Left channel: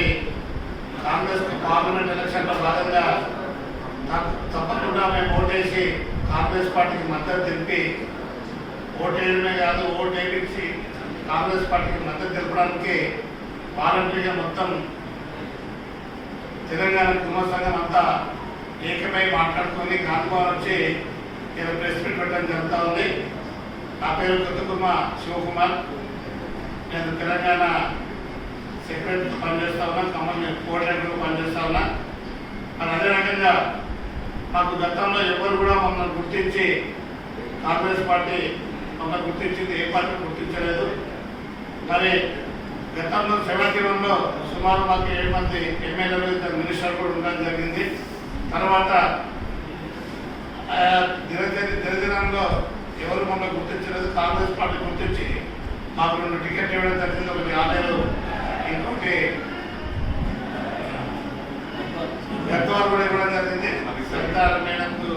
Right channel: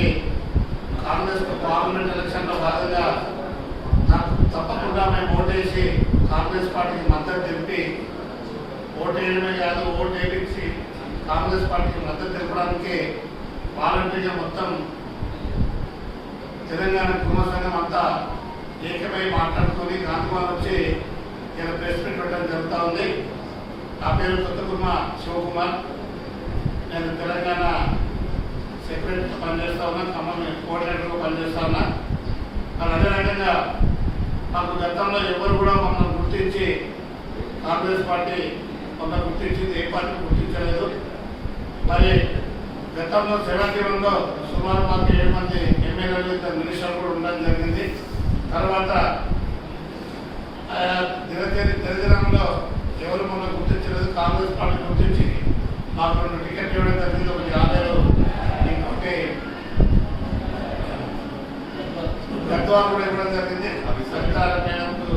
ఉన్నటువంటి కాంగ్రెస్ పార్లమెంట్ ఎలక్షన్లో భాగంగా తప్పకుండా మేము ఓటేసి కాంగ్రెస్ పార్టీకి మద్దతు తెలిపి ఓటేయడమే కాదు ఓటు వేయించి కాంగ్రెస్ పార్టీకి మద్దతు తెలపడానికి వాలంటీర్గా మొత్తం తెలంగాణ కుమార్ సంఘం అంతా ఏకమై మాట్లాడుకొని కాంతిమాల వచ్చి ఇక్కడ ప్రెస్ మీట్ పెట్టడం జరుగుతూ ఉంది. నా పేరు కొత్త కుర్మ శివకుమార్. నేను తెలంగాణ సెక్రటరీ పనిచేస్తా ఉన్నా ఖమ్మం కోఆర్డినేటర్గా పనిచేస్తా ఉన్నా. మరి అదే రకంగా మాకు గతంలో ఎవరు కూడా మమ్మల్ని గుర్తించి కాంగ్రెస్ పార్టీ మమ్మల్ని గుర్తించింది ఏ పార్టీ గుర్తించలేదు. మరి గతంలో సెవెంటీ సుమారు మాకు ఏడు మంది ఎమ్మెల్యేలు ఇద్దరు మినిస్టర్లు కూడా ఉండడం జరిగింది. తర్వాత ఆ, దినదినంలో ఎవరు మమ్మల్ని గుర్తించలేదు కాంగ్రెస్ పార్టీ గుర్తించి మాకు రెండు టికెట్ ఇవ్వడం జరిగింది ఒకటి ఆలయాలు గద్వాలు కూడా ఇవ్వడం జరిగింది. సరితార మేడంకు